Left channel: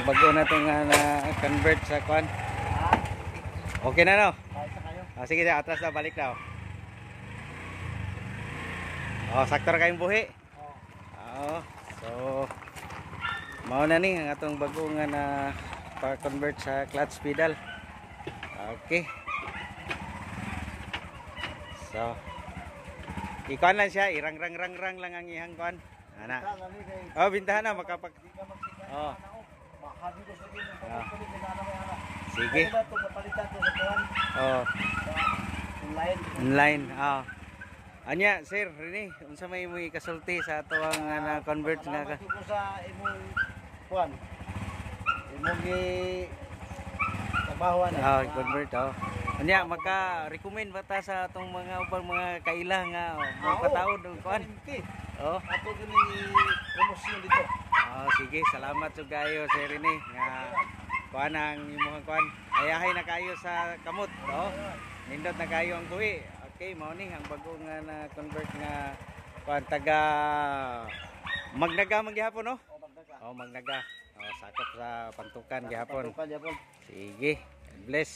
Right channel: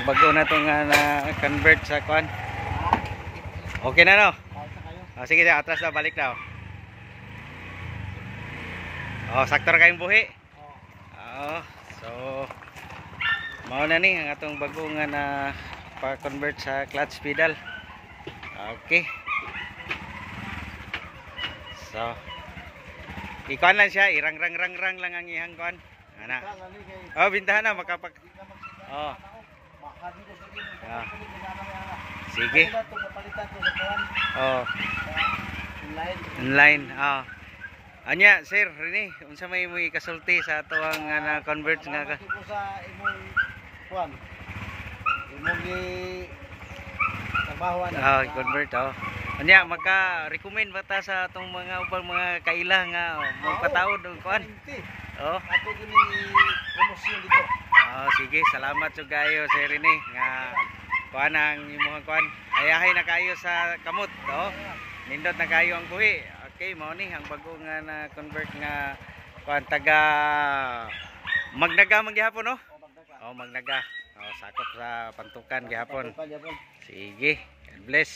Ang bago na itong na convert sa kuan. Okay na no? Sige na, atras na, balik na. Sakto ra kayong buhi. So mao na ni ang atong bago nga na pa-convert sa clutch pedal. Okay. So ikuan lang siya, irang-rang-rang lang ang ihang kuan. Ana. Bintahan na makapag. Sige. Online. Anya sir, rini unsa may kasulti sa ato ang na-convert nga ka? Sa imong kuan. Imong trabahoan. Convert Anya maka-recommend ba ta sa atong mga ubang mga kaila nga magpataod og kuan? Ato gini promosyon dito. Sige, salamat jud kayo sir rini nga kuan ang imong kuan. Ayahay na kayo sa kamot, nindot na kayo ang buhi. Okay, mao ni ang bago nga na convert nga kuan taga Magnaga man gihapon no? Magnaga. Sakop sa Pantukan gihapon. Sige, God bless.